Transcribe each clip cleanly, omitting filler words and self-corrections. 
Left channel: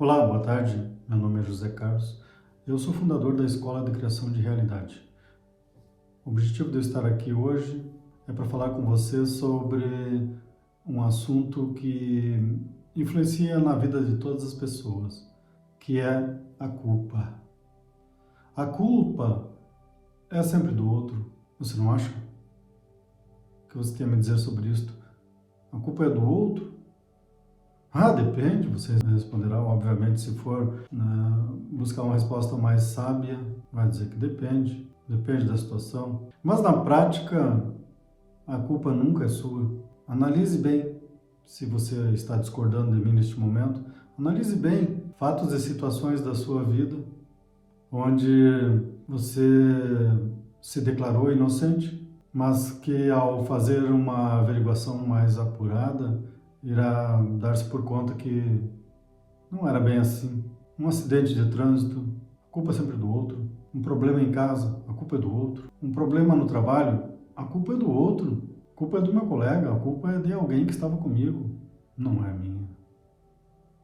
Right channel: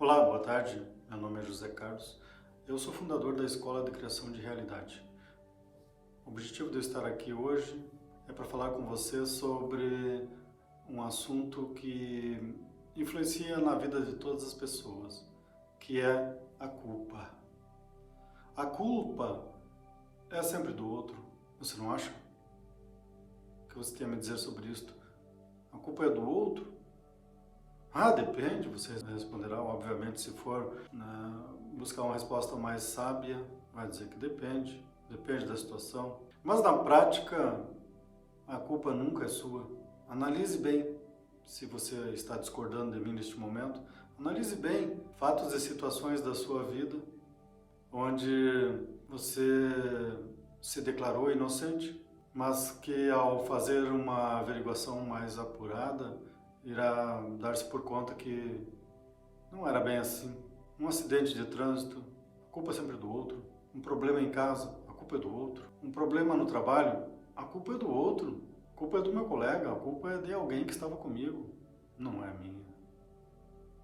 Olá, boa tarde. Meu nome é José Carlos. Eu sou fundador da Escola de Criação de Realidade. O objetivo de eu estar aqui hoje é para falar com você sobre um assunto que influencia na vida de todas as pessoas, que é a culpa. A culpa é sempre do outro, você não acha? O que você quer me dizer sobre isto? A culpa é do outro? Depende, você responderá, obviamente, se for buscar uma resposta mais sábia, vai dizer que depende da situação. Mas na prática, a culpa nunca é sua. Analise bem, se você está discordando de mim neste momento, analise bem fatos e situações da sua vida onde você se declarou inocente, mas que ao fazer uma averiguação mais apurada, irá dar-se por conta que não era bem assim. Um acidente de trânsito, a culpa é sempre do outro. Um problema em casa, a culpa é do outro. Um problema no trabalho, a culpa é do outro. A culpa é do meu colega, a culpa é de alguém que estava comigo. Não é minha.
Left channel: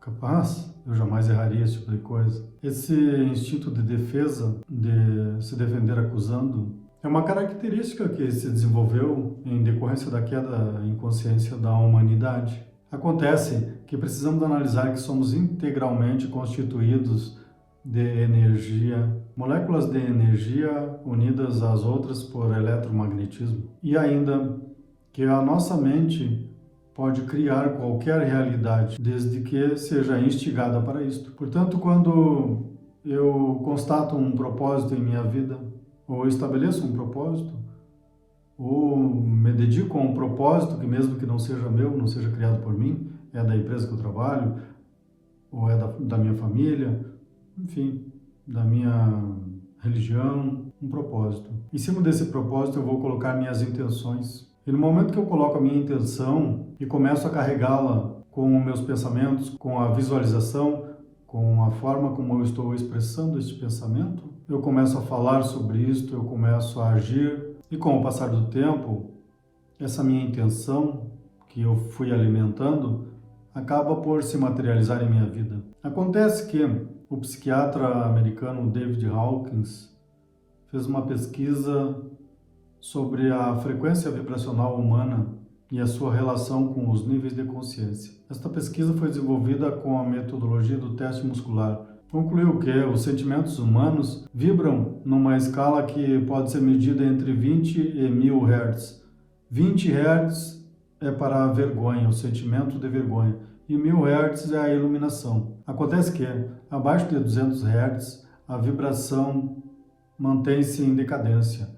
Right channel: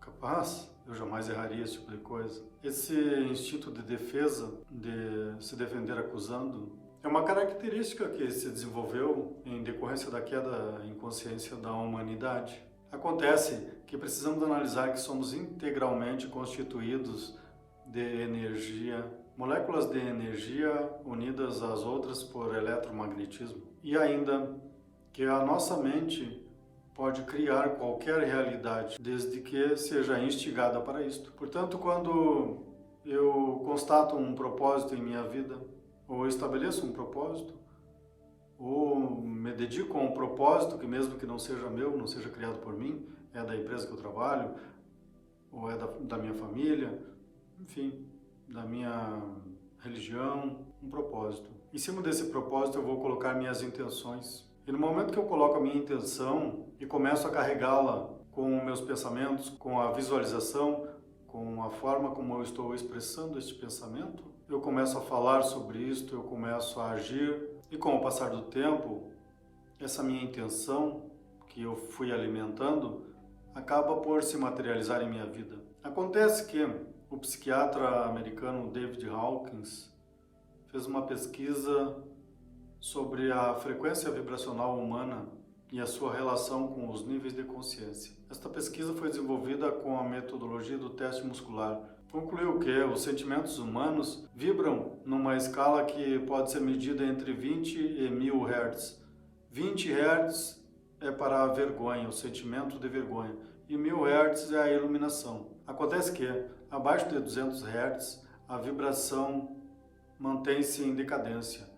Capaz, eu jamais erraria esse tipo de coisa. Esse instinto de defesa, de se defender acusando, é uma característica que se desenvolveu em decorrência da queda em consciência da humanidade. Acontece que precisamos analisar que somos integralmente constituídos de energia, moléculas de energia unidas às outras por eletromagnetismo. E ainda que a nossa mente pode criar qualquer realidade, desde que seja instigada para isto. Portanto, quando eu constato um propósito em minha vida, ou estabeleço um propósito, ou me dedico a um propósito que mesmo que não seja meu, não seja criado por mim, é da empresa que eu trabalho, ou é da minha família, enfim, da minha religião, um propósito. Em cima desse propósito eu vou colocar minhas intenções. E no momento que eu coloco a minha intenção e começo a carregá-la com meus pensamentos, com a visualização, com a forma como eu estou expressando este pensamento, eu começo a falar sobre isto, eu começo a agir, e com o passar do tempo, essa minha intenção que eu fui alimentando acaba por se materializar em minha vida. Acontece que o psiquiatra americano David Hawkins fez uma pesquisa sobre a frequência vibracional humana e a sua relação com os níveis de consciência. Esta pesquisa foi desenvolvida com a metodologia do teste muscular. Concluiu que os sentimentos humanos vibram numa escala que pode ser medida entre 20 e 1000 Hz. 20 Hz é para a vergonha, o sentimento de vergonha, e 1000 Hz é a iluminação. Acontece que, abaixo de 200 Hz, a vibração mantém-se em decadência.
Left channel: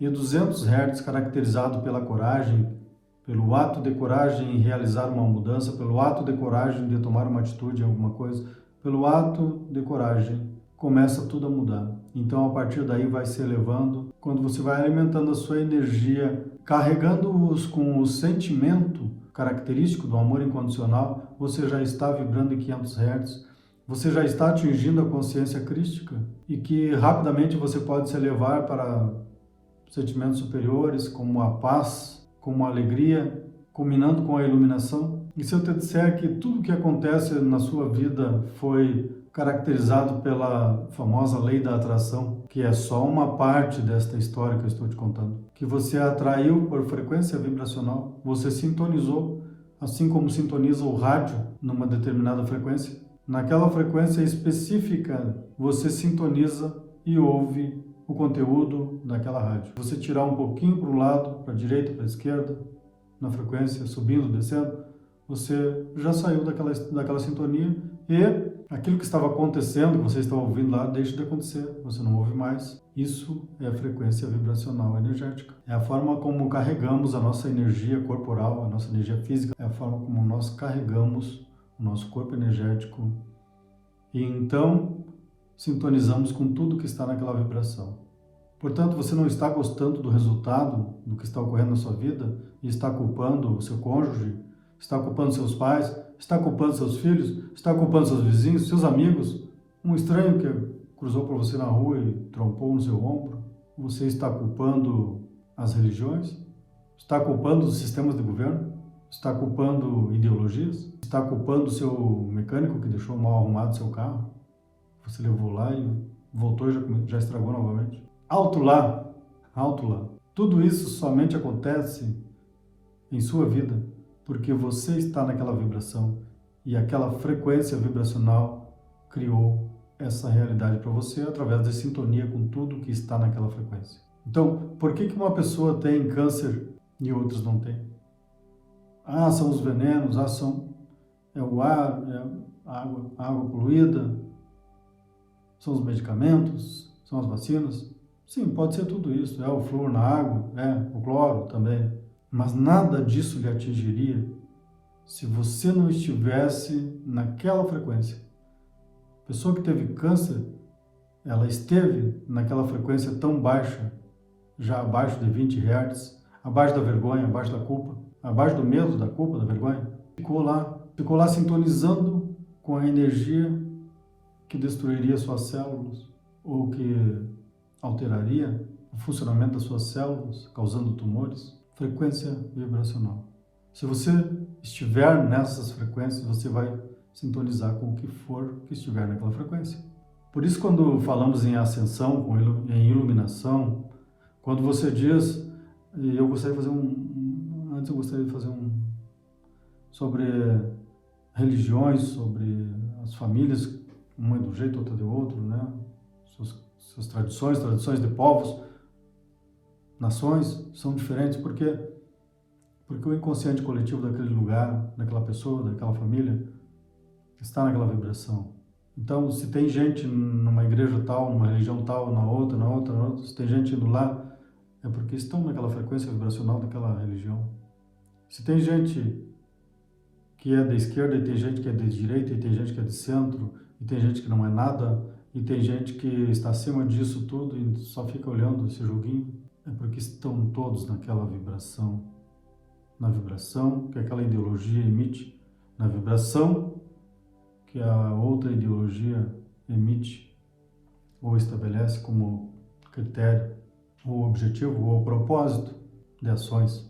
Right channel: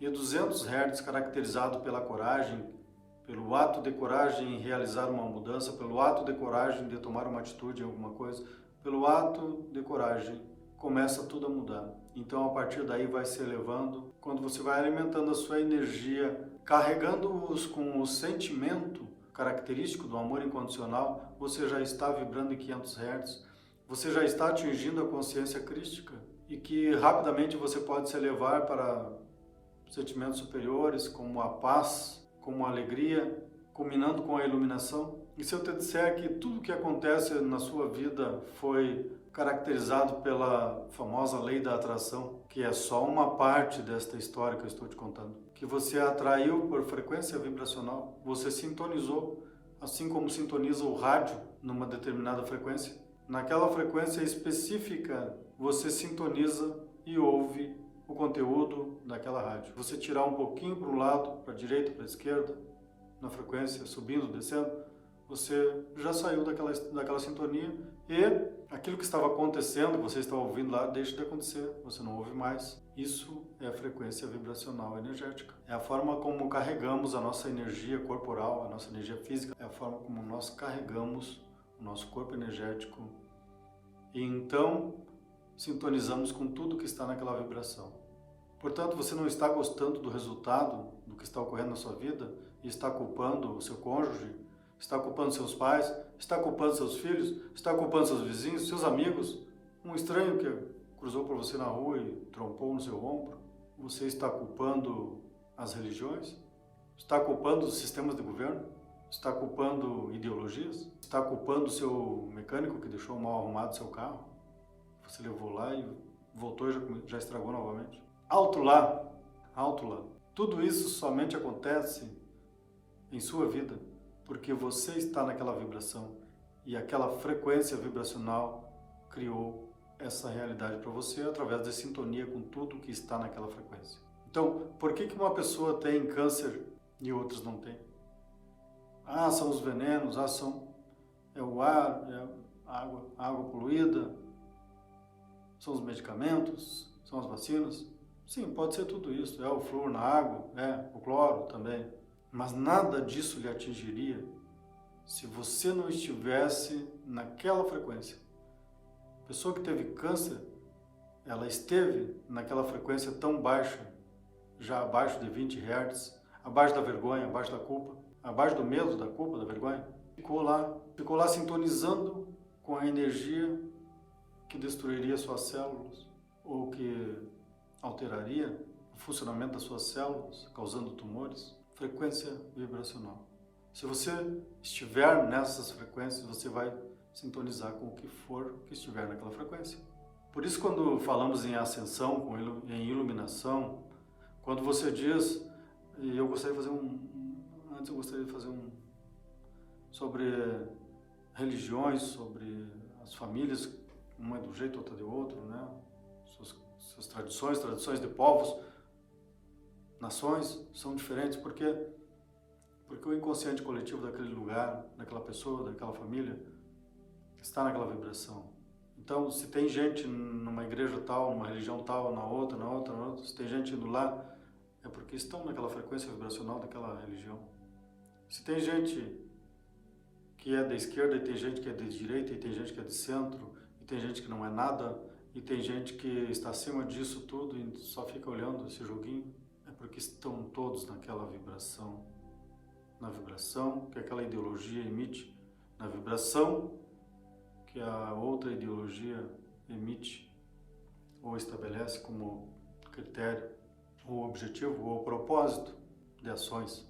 E 200 Hz, caracterizado pela coragem, pelo ato de coragem em realizar uma mudança, pelo ato de coragem de tomar uma atitude em alguma coisa, pelo ato de coragem, começa tudo a mudar. Então, a partir daí, vai se elevando. Quando você vai alimentando a sua energia, carregando-os com o sentimento característico do amor incondicional, você já está vibrando em 500 Hz. Você já está atingindo a consciência crística e que rapidamente você pode se elevar para sentimentos superiores, como a paz, como a alegria, culminando com a iluminação. E se eu te disser que tudo o que acontece na sua vida foi caracterizado pela famosa lei da atração, que é só uma parte desta história que eu estou te contando, que você atraiu por frequência vibracional, você sintonizou, assim como sintoniza o rádio numa determinada frequência, naquela frequência específica você sintoniza e ouve o conteúdo daquela rádio. Você tirar um pouquinho para o lado, para a direita, para a esquerda, na frequência, subindo, descendo, você já saiu daquela sintonia e aquilo que estava acontecendo, que você estava ouvindo lá, deixa de acontecer, você não ouve mais. Isso é a frequência vibracional energética. É a forma como carregamos a nossa energia corporal, a nossa energia física, é a forma como nós carregamos o nosso corpo energético e então sintonizamos com tudo que está naquela vibração. Portanto, você não está gostando do resultado do que está ocorrendo na sua vida e está culpando o seu cônjuge, está culpando seus pais, está culpando seus filhos, está culpando seus vizinhos, seus amigos, um estranho que cruzou por você na rua e trompou no seu ombro. Você está culpando as religiões? Está culpando os sistemas de governo? Está culpando ideologias? está culpando o seu mecânico que deixou mal arrumado o seu carro? Você levou lá e voltou e já estragou novamente? Alto lá, alto lá. Tudo isso somente acontece em sua vida porque você está naquela vibração e aquela frequência vibracional criou essa realidade para você através da sintonia com tudo que está naquela frequência. Então, por que uma pessoa tem câncer e outras não têm? Ah, são os venenos, é o ar, é a água poluída, são os medicamentos, são as vacinas. Sim, pode ser tudo isso, é o flúor na água, o cloro também. Mas nada disso lhe atingiria se você não estivesse naquela frequência. A pessoa que teve câncer, ela esteve naquela frequência tão baixa, já abaixo de 20 Hz, abaixo da vergonha, abaixo da culpa, abaixo do medo, da culpa, da vergonha. Ficou lá sintonizando com a energia que destruiria suas células ou que alteraria o funcionamento das suas células, causando tumores. Frequência vibracional. Se você estiver nessas frequências, você vai sintonizar com o que for que estiver naquela frequência. Por isso, quando falamos em ascensão, em iluminação, quando você diz, e eu gostaria de fazer antes eu gostaria de fazer sobre religiões, sobre as famílias, uma é de um jeito, outra de outro, né? Suas tradições de povos, nações são diferentes, porque o inconsciente coletivo daquele lugar, daquela pessoa, daquela família, está naquela vibração. Então, se tem gente numa igreja tal, numa religião tal, na outra, se tem gente indo lá, é porque estão naquela frequência vibracional daquela religião. Se tem gente que é da esquerda, e tem gente que é de direita, e tem gente que é de centro, e tem gente que não é nada, e tem gente que está acima disso tudo e só fica olhando esse joguinho, é porque estão todos naquela vibração. Na vibração que aquela ideologia emite, na vibração que a outra ideologia emite ou estabelece como critério, ou objetivo, ou propósito de ações.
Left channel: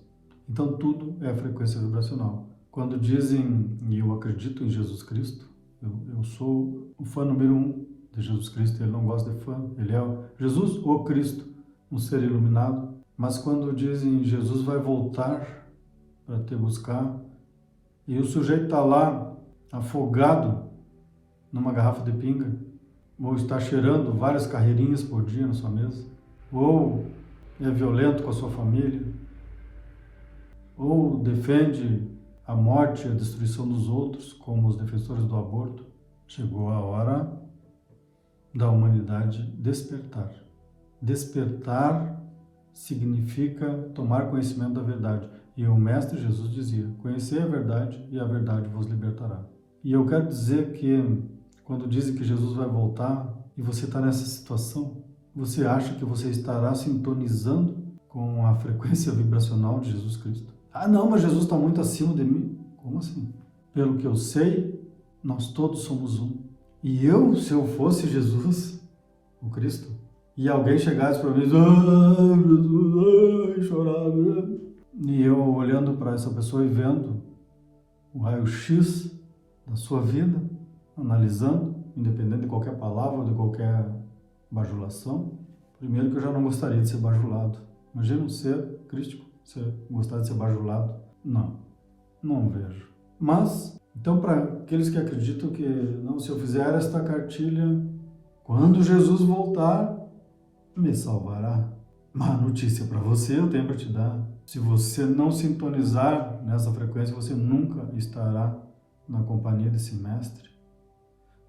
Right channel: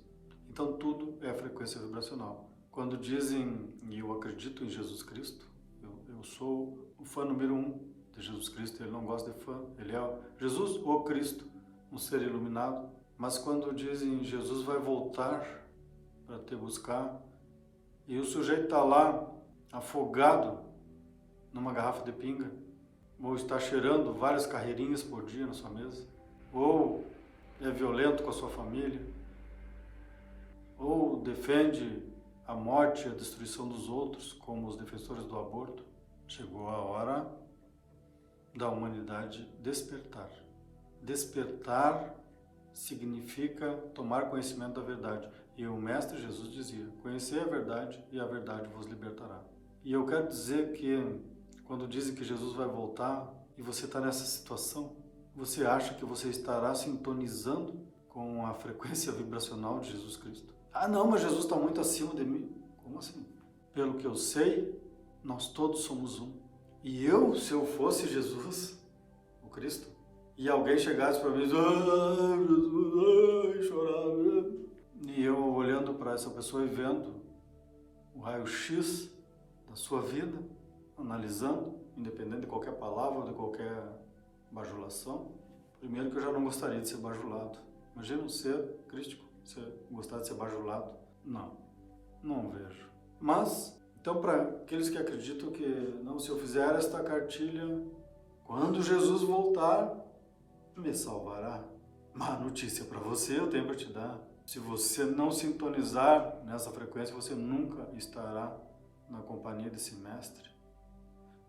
Então tudo é frequência vibracional. Quando dizem, e eu acredito em Jesus Cristo, eu sou o fã número 1 de Jesus Cristo, ele não gosta de fã, ele é Jesus ou Cristo, um ser iluminado. Mas quando dizem Jesus vai voltar para te buscar, e o sujeito está lá afogado numa garrafa de pinga, ou está cheirando várias carreirinhas por dia na sua mesa, ou é violento com a sua família, ou defende a morte e a destruição dos outros, como os defensores do aborto, chegou a hora da humanidade despertar. Despertar significa tomar conhecimento da verdade. E o Mestre Jesus dizia, conhecei a verdade e a verdade vos libertará. E eu quero dizer que quando dizem que Jesus vai voltar e você está nessa situação, você acha que você estará sintonizando com a frequência vibracional de Jesus Cristo? Ah, não, mas Jesus está muito acima de mim. Como assim? Pelo que eu sei, nós todos somos um. E eu, se eu fosse Jesus, o Cristo, e alguém chegasse para mim e Jesus, chorava, e eu olhando para essa pessoa e vendo o raio-x da sua vida, analisando, independente de qualquer palavra ou de qualquer bajulação, primeiro que eu já não gostaria de ser bajulado. Imagina um ser crístico, você gostar de ser bajulado? Não vejo. Mas, então, para aqueles que acreditam que, não, se eu fizer esta cartilha, quando Jesus voltar, me salvará. Uma notícia para você eu tenho para te dar. Se você não sintonizar nessa frequência, você nunca estará na companhia desse mestre.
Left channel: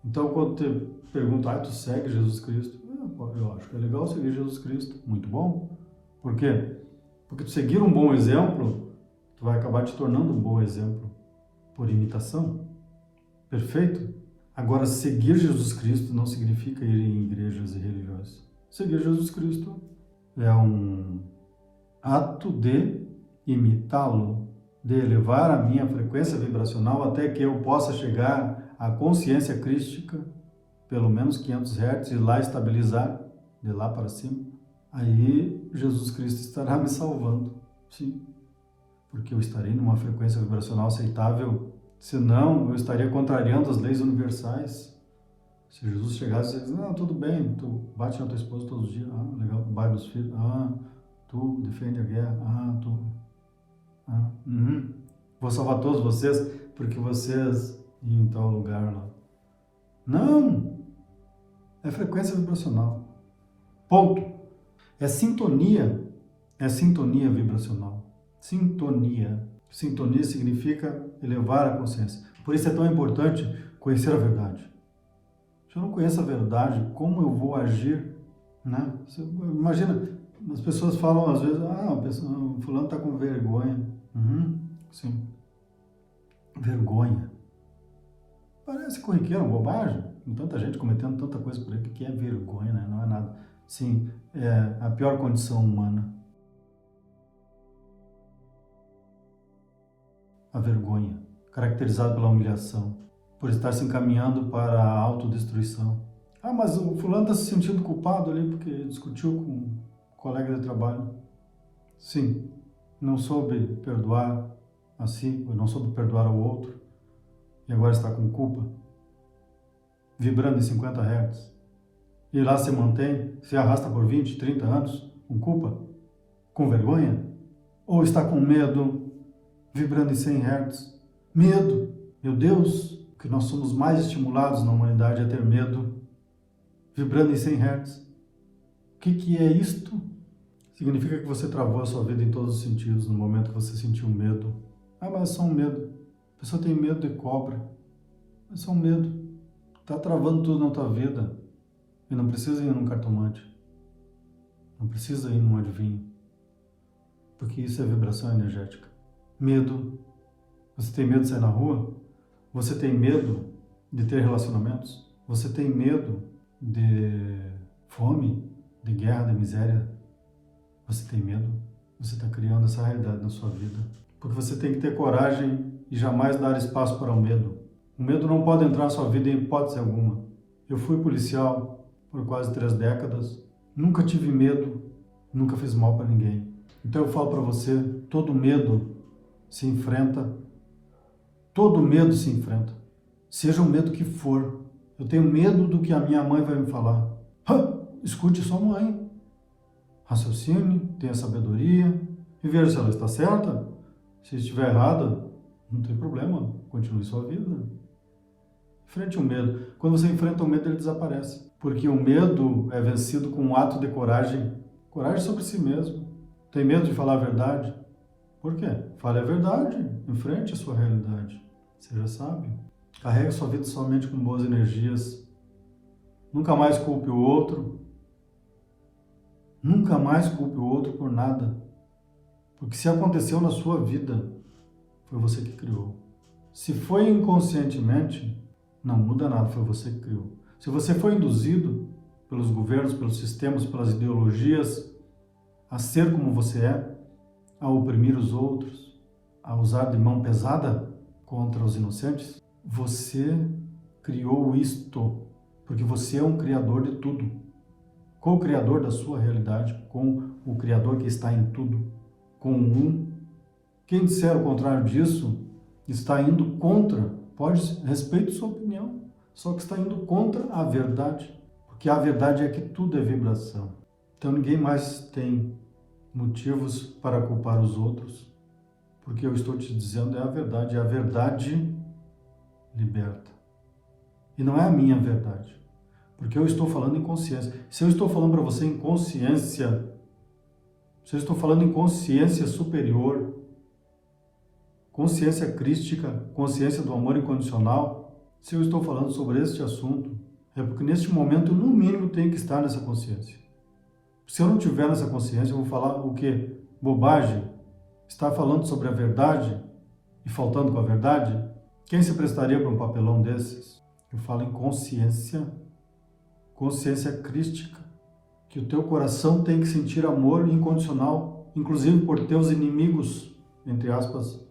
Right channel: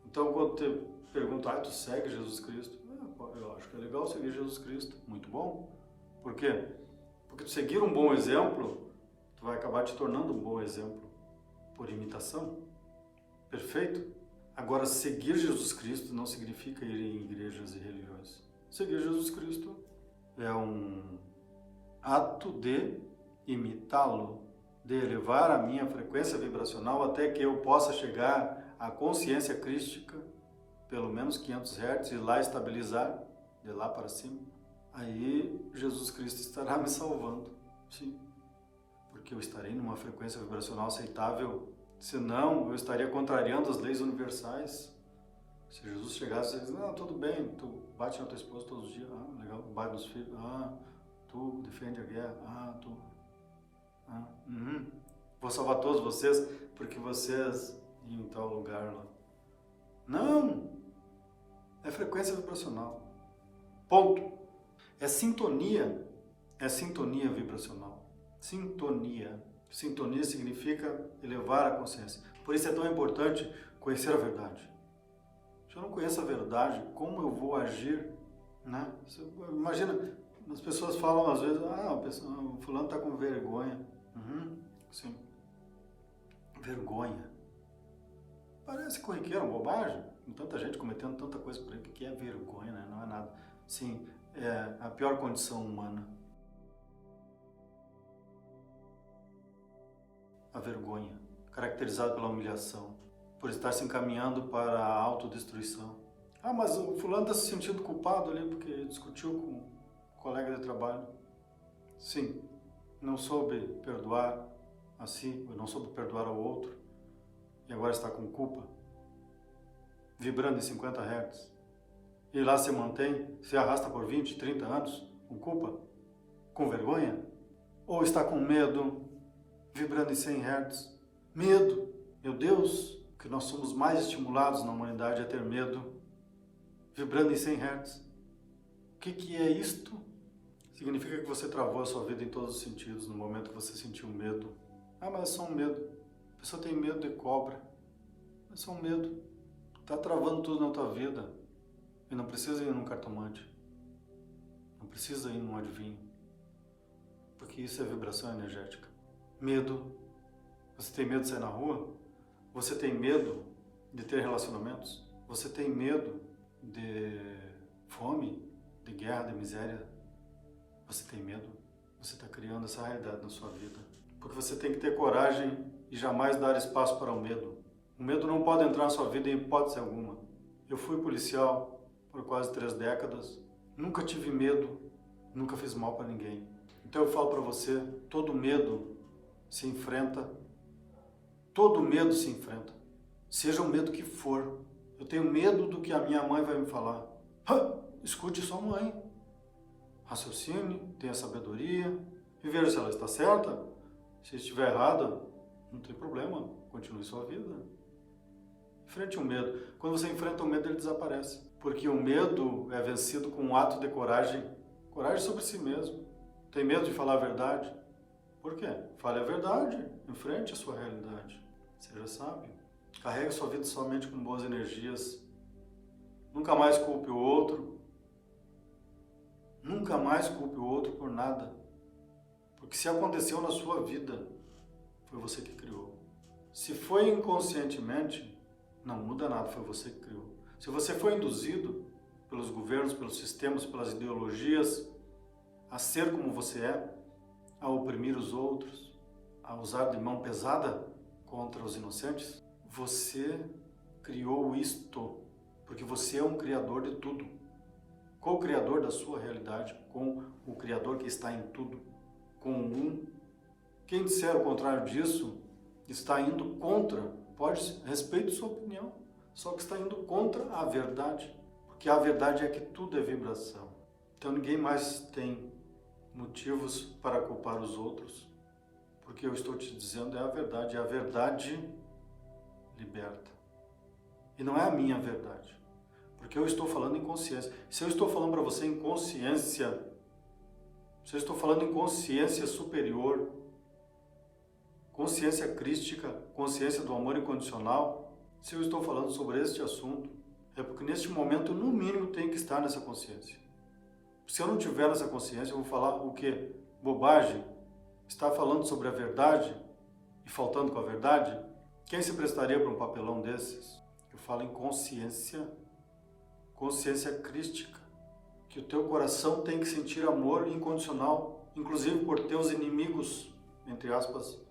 Então, quando te perguntam, tu segue Jesus Cristo? Eu acho que é legal seguir Jesus Cristo. Muito bom. Por quê? Porque tu seguir um bom exemplo, tu vai acabar te tornando um bom exemplo por imitação. Perfeito? Agora, seguir Jesus Cristo não significa ir em igrejas e religiões. Seguir Jesus Cristo é um ato de imitá-lo, de elevar a minha frequência vibracional até que eu possa chegar à consciência crística, pelo menos 500 Hz, e lá estabilizar, de lá para cima. Aí Jesus Cristo estará me salvando, sim, porque eu estarei numa frequência vibracional aceitável, Senão, eu estaria contrariando as leis universais. Se Jesus chegasse e dissesse, não, tudo bem, tu bate na tua esposa todos os dias, legal, bate nos filhos, tu defende a guerra, vou salvar todos vocês, porque vocês iam em tal lugar lá. Não! É frequência vibracional. Ponto. É sintonia vibracional. Sintonia. Sintonia significa elevar a consciência. Por isso é tão importante conhecer a verdade. Se eu não conheço a verdade, como eu vou agir, né? Imagina, as pessoas falam às vezes, o fulano está com vergonha. Sim. Vergonha. Parece corriqueiro, bobagem. Com tanta gente cometendo tanta coisa por aí, o que é vergonha, né? Não é nada. Sim, é a pior condição humana. A vergonha, caracterizada pela humilhação, por estar se encaminhando para a autodestruição. Mas o fulano está se sentindo culpado ali porque discutiu com um colega de trabalho. Sim, não soube perdoar a si, ou não soube perdoar ao outro, e agora está com culpa, vibrando em 50 Hz. E lá se mantém, se arrasta por 20, 30 anos, com culpa, com vergonha, ou está com medo, vibrando em 100 Hz. Medo, meu Deus, que nós somos mais estimulados na humanidade a ter medo, vibrando em 100 Hz. O que é isto? Significa que você travou a sua vida em todos os sentidos no momento que você sentiu medo. Mas é só um medo. A pessoa tem medo de cobra. É só um medo. Está travando tudo na tua vida. E não precisa ir num cartomante. Não precisa ir num adivinho. Porque isso é vibração energética. Medo. Você tem medo de sair na rua? Você tem medo de ter relacionamentos? Você tem medo de fome, de guerra, de miséria? Você tem medo? Você está criando essa realidade na sua vida. Porque você tem que ter coragem e jamais dar espaço para o medo. O medo não pode entrar na sua vida em hipótese alguma. Eu fui policial por quase 3 décadas. Nunca tive medo, nunca fiz mal para ninguém. Então eu falo para você, todo medo se enfrenta. Todo medo se enfrenta. Seja o medo que for. Eu tenho medo do que a minha mãe vai me falar. Escute sua mãe. Raciocine, tenha sabedoria e veja se ela está certa. Se estiver errada, não tem problema, continue sua vida. Enfrente o medo. Quando você enfrenta o medo, ele desaparece. Porque o medo é vencido com um ato de coragem. Coragem sobre si mesmo. Tem medo de falar a verdade? Por quê? Fale a verdade. Enfrente a sua realidade. Seja sábio. Carregue sua vida somente com boas energias. Nunca mais culpe o outro. Nunca mais culpe o outro por nada. Porque se aconteceu na sua vida, foi você que criou. Se foi inconscientemente, não muda nada, foi você que criou. Se você foi induzido pelos governos, pelos sistemas, pelas ideologias, a ser como você é, a oprimir os outros, a usar de mão pesada contra os inocentes, você criou isto, porque você é um criador de tudo. Co-criador da sua realidade, com o Criador que está em tudo, com o um. Quem disser o contrário disso, está indo contra, respeito sua opinião, só que está indo contra a verdade, porque a verdade é que tudo é vibração. Então ninguém mais tem motivos para culpar os outros, porque eu estou te dizendo é a verdade liberta. E não é a minha verdade. Porque eu estou falando em consciência. Se eu estou falando para você em consciência, se eu estou falando em consciência superior, consciência crística, consciência do amor incondicional, se eu estou falando sobre este assunto, é porque neste momento, no mínimo, tenho que estar nessa consciência. Se eu não tiver nessa consciência, eu vou falar o quê? Bobagem? Estar falando sobre a verdade e faltando com a verdade? Quem se prestaria para um papelão desses? Eu falo em consciência crística, que o teu coração tem que sentir amor incondicional, inclusive por teus inimigos, entre aspas,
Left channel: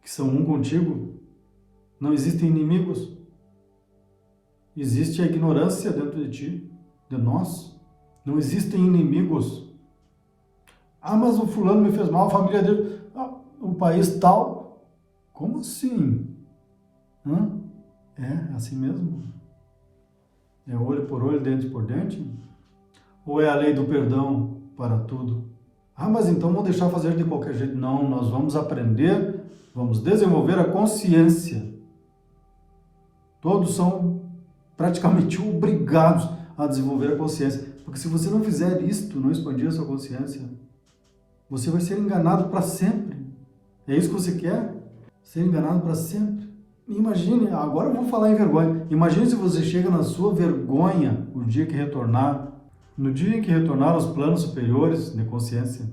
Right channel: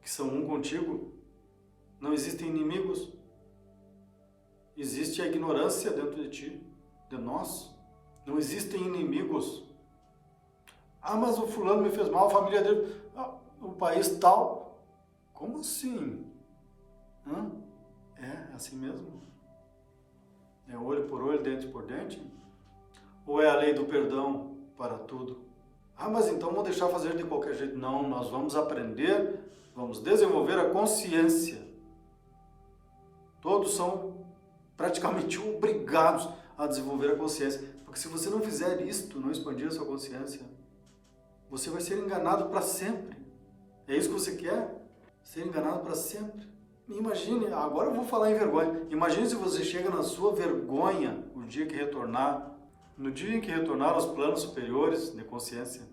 que são um contigo. Não existem inimigos. Existe a ignorância dentro de ti, de nós. Não existem inimigos. Mas o fulano me fez mal, a família dele, o país tal. Como assim? Hã? É assim mesmo? É olho por olho, dente por dente? Ou é a lei do perdão para tudo? Ah, mas então vamos deixar fazer de qualquer jeito. Não, nós vamos aprender, vamos desenvolver a consciência. Todos são praticamente obrigados a desenvolver a consciência. Porque se você não fizer isto, não expandir a sua consciência, você vai ser enganado para sempre. É isso que você quer? Ser enganado para sempre? Imagine, agora eu vou falar em vergonha. Imagine se você chega na sua vergonha o dia que retornar, no dia em que retornar aos planos superiores de consciência,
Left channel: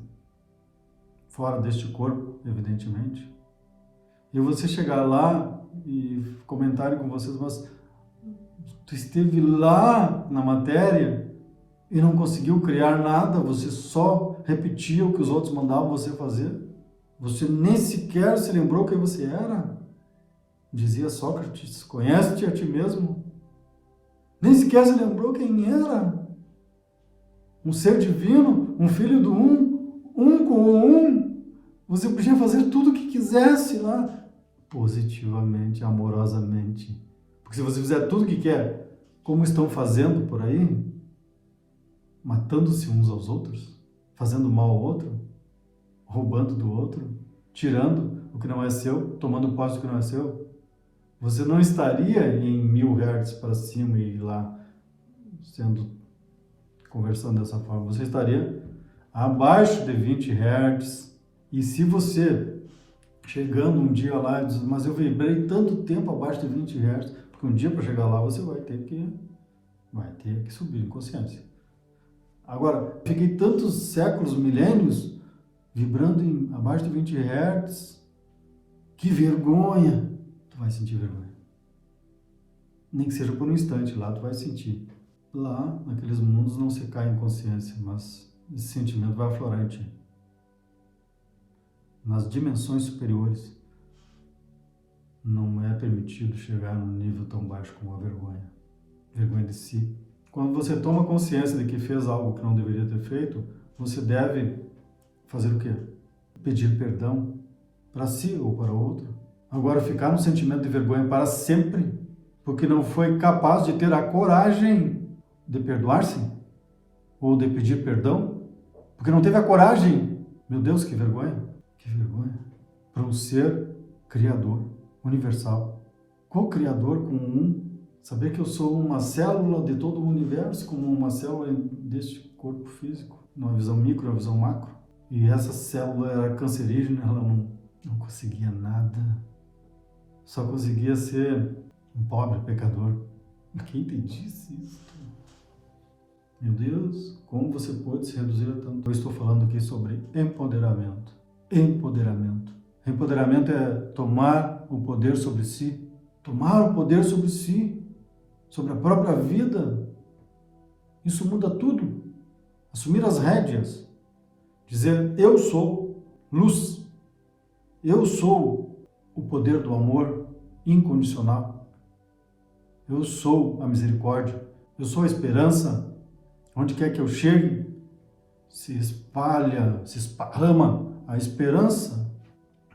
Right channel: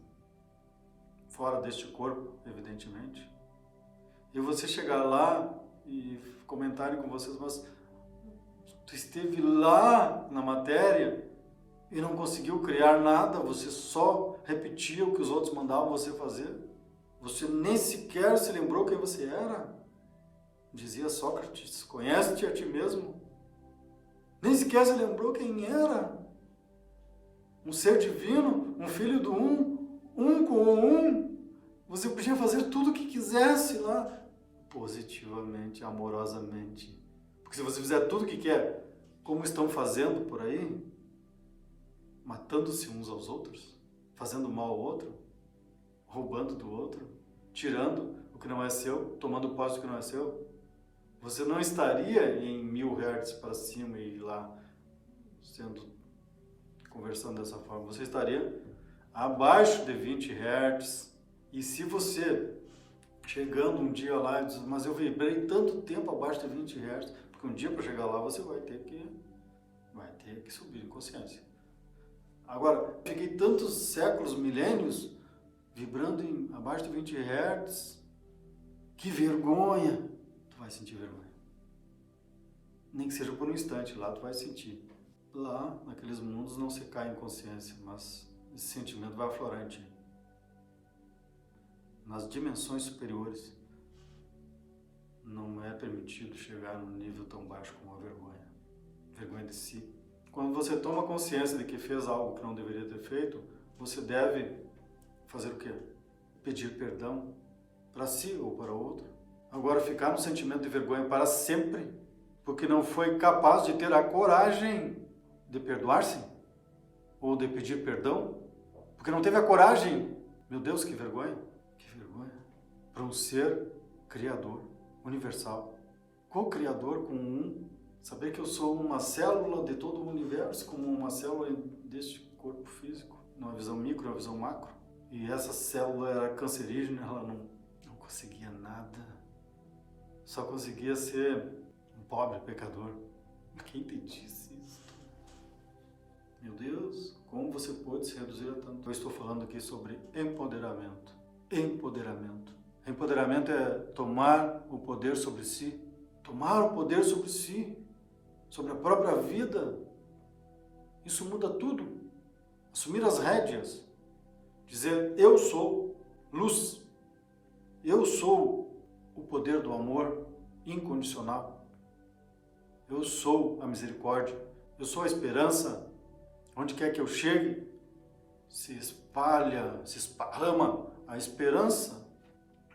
fora deste corpo, evidentemente, e você chegar lá e comentarem com vocês, mas tu esteve lá na matéria e não conseguiu criar nada, você só repetia o que os outros mandavam você fazer? Você nem sequer se lembrou quem você era? Dizia Sócrates, conhece-te a ti mesmo? Nem sequer se lembrou quem era? Um ser divino, um filho do um com o um. Você podia fazer tudo o que quisesse lá, positivamente, amorosamente. Porque se você fizer tudo o que quer, como estão fazendo por aí, matando-se uns aos outros, fazendo mal ao outro, roubando do outro, tirando o que não é seu, tomando posse do que não é seu, você não estaria em 1000 Hz para cima e lá conversando dessa forma. Você estaria abaixo de 20 Hz. E se você, chegando um dia lá e diz, mas eu vibrei tanto tempo abaixo de 20 Hz, porque um dia para chegar lá você vai ter que subir em consciência. Agora, fiquei tantos séculos, milênios, vibrando abaixo de 20 Hz, que vergonha! Tu vai sentir vergonha. Nem que seja por um instante, lá tu vai sentir. Lá, naqueles mundos, não se cai em consciência, mas esse sentimento vai aflorar em ti. Nas dimensões superiores, não é permitido chegar num nível tão baixo como a vergonha. Vergonha de si. Quando você toma consciência de que fez algo que não deveria ter feito, você deve fazer o quê? Pedir perdão para si ou para outro. Agora, ficar no sentimento de vergonha para sempre, porque não foi capaz de ter a coragem de perdoar-se ou de pedir perdão, porque não teve a coragem. Meu Deus, que vergonha! Que vergonha! Para um ser criador, universal, co-criador com um, saber que eu sou uma célula de todo o universo, como uma célula deste corpo físico, numa visão micro, uma visão macro. E essa célula era cancerígena, ela não conseguia nada. Só conseguia ser um pobre pecador. Quem te disse isso? Meu Deus, como você pode se reduzir a tanto? Eu estou falando aqui sobre empoderamento. Empoderamento. Empoderamento é tomar o poder sobre si. Tomar o poder sobre si, sobre a própria vida. Isso muda tudo. Assumir as rédeas. Dizer, eu sou luz. Eu sou o poder do amor incondicional. Eu sou a misericórdia. Eu sou a esperança. Onde quer que eu chegue, se espalha, se esparrama a esperança.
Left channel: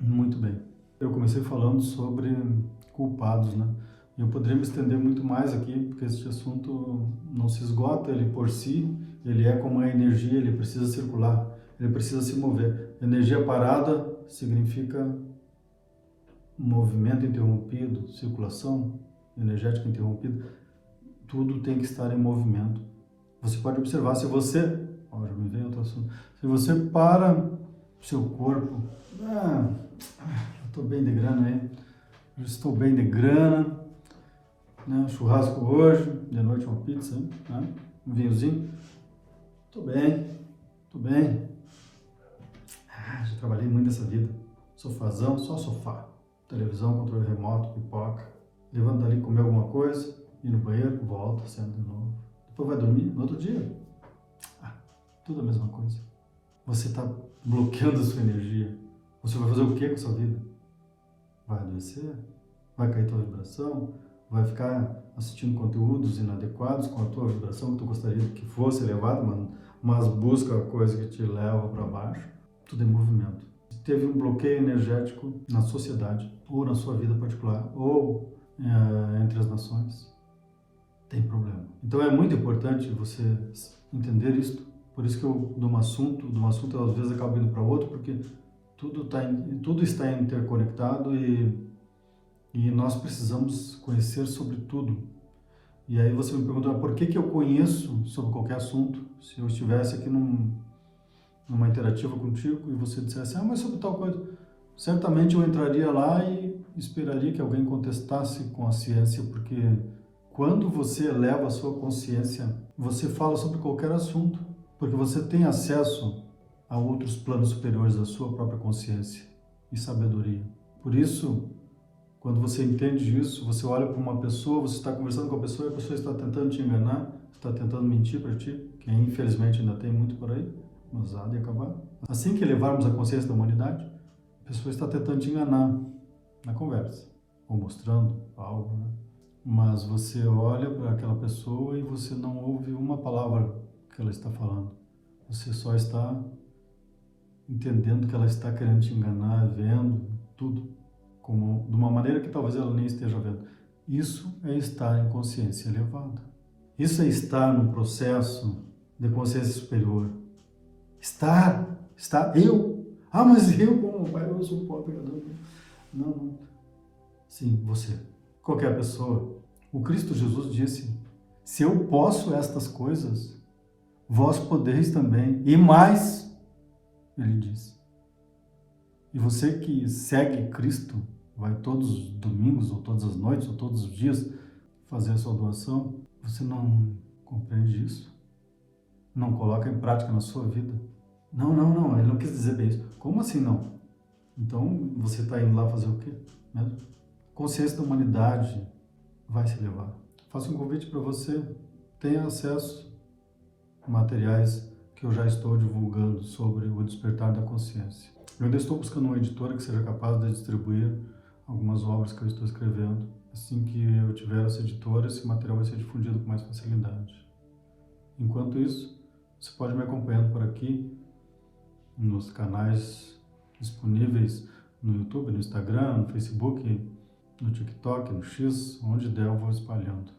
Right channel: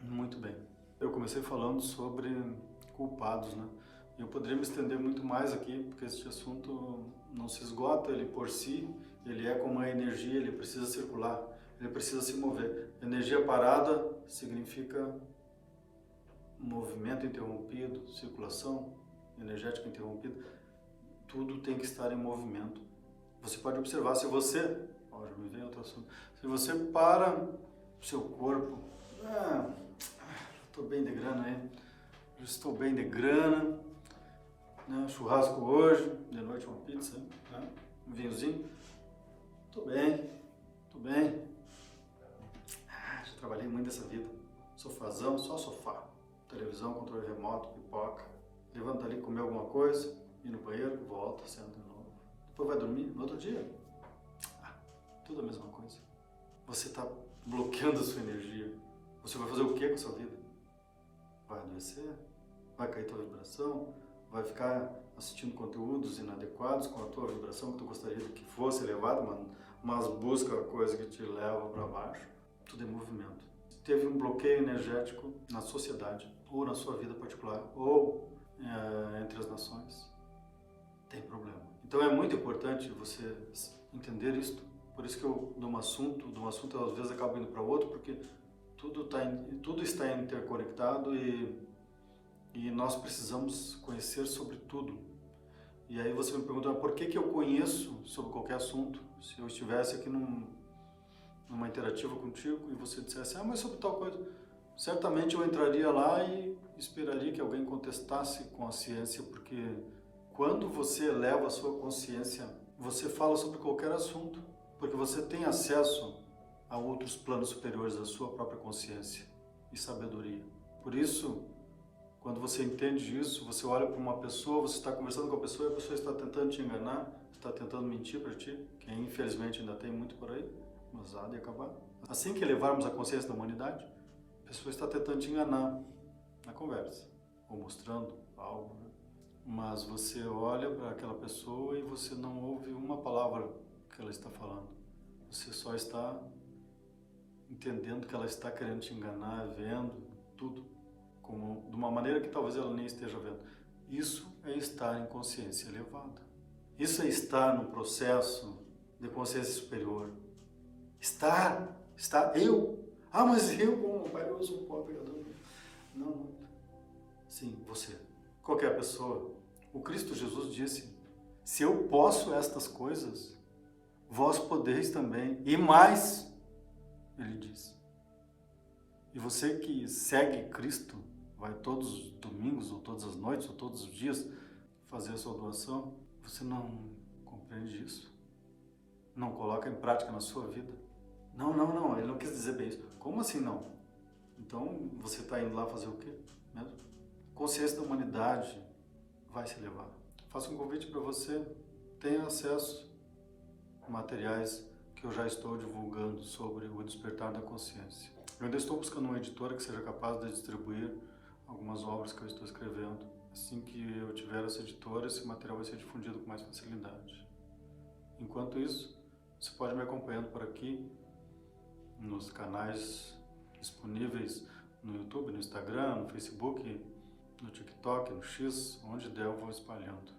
Muito bem. Eu comecei falando sobre culpados, né? Eu poderia me estender muito mais aqui, porque esse assunto não se esgota, ele por si, ele é como a energia, ele precisa circular, ele precisa se mover. Energia parada significa movimento interrompido, circulação energética interrompida. Tudo tem que estar em movimento. Você pode observar, se você, já me vem outro assunto, se você para o seu corpo, estou bem de grana aí, já estou bem de grana, né? Churrasco hoje, de noite uma pizza, né? Um vinhozinho, estou bem, já trabalhei muito nessa vida, sofazão, só sofá, televisão, controle remoto, pipoca, levando dali, comer alguma coisa, ir no banheiro, volta, senta de novo. Depois vai dormir no outro dia. Tudo a mesma coisa. Você está bloqueando a sua energia. Você vai fazer o que com a sua vida? Vai adoecer? Vai cair tua vibração? Vai ficar assistindo conteúdos inadequados com a tua vibração que tu gostaria que fosse elevado, mas busca a coisa que te leva para baixo? Tudo é movimento. Teve um bloqueio energético na sociedade, ou na sua vida particular, ou entre as nações, tem problema. Então é muito importante você entender isto. Por isso que eu, de um assunto eu às vezes acabo indo para outro, porque tudo está interconectado e nós precisamos conhecer sobre tudo. E aí você me pergunta, por que eu conheço sobre qualquer assunto? Se eu estivesse aqui numa interativa contigo e você dissesse, mas sobre tal coisa, certamente eu entraria lá e esperaria que alguém contestasse com a ciência, porque quando você eleva a sua consciência, você fala sobre qualquer assunto, porque você tem acesso a outros planos superiores da sua própria consciência e sabedoria. Por isso, quando você entende isso, você olha para uma pessoa, você está conversando com a pessoa e a pessoa está tentando te enganar, está tentando mentir para ti, que infelizmente ainda tem muito por aí, mas há de acabar. Assim que elevarmos a consciência da humanidade, a pessoa está tentando te enganar na conversa, ou mostrando algo, né? Mas você olha para aquela pessoa e você não ouve uma palavra que ela está falando. Você só está entendendo que ela está querendo te enganar, vendo tudo, como de uma maneira que talvez ela nem esteja vendo. Isso é estar em consciência elevada. Isso é estar num processo de consciência superior. Estar, eu. Mas eu, como pai, eu sou pobre. Não. Sim, você. Qualquer pessoa. O Cristo Jesus disse, se eu posso estas coisas, vós podeis também. E mais, ele disse. E você que segue Cristo, vai todos os domingos, ou todas as noites, ou todos os dias fazer a sua doação, você não compreende isso? Não coloca em prática na sua vida? Não, ele não quis dizer bem isso. Como assim não? Então você está indo lá fazer o quê? Mesmo? Consciência da humanidade vai se levar. Faço um convite para você, tenha acesso a materiais que eu já estou divulgando sobre o despertar da consciência. Eu ainda estou buscando uma editora que seja capaz de distribuir algumas obras que eu estou escrevendo. Assim que eu tiver essa editora, esse material vai ser difundido com mais facilidade. Enquanto isso, você pode me acompanhando por aqui, nos canais disponíveis no YouTube, no Instagram, no Facebook, no TikTok, no X, onde der eu vou espalhando.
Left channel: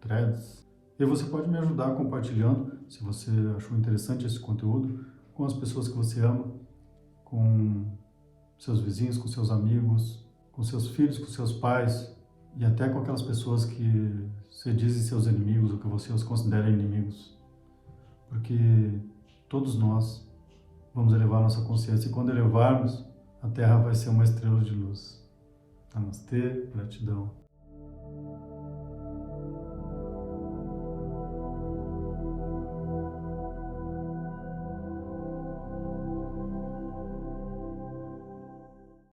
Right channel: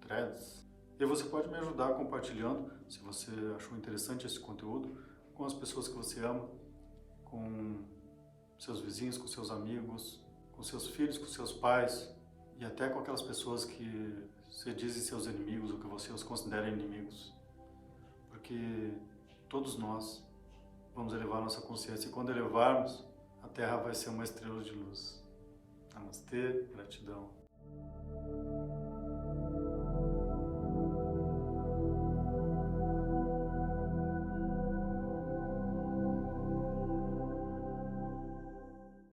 Threads. E você pode me ajudar compartilhando, se você achou interessante esse conteúdo, com as pessoas que você ama, com seus vizinhos, com seus amigos, com seus filhos, com seus pais e até com aquelas pessoas que você dizem seus inimigos ou que você os considera inimigos. Porque todos nós vamos elevar nossa consciência e quando elevarmos, a Terra vai ser uma estrela de luz. Namastê, gratidão.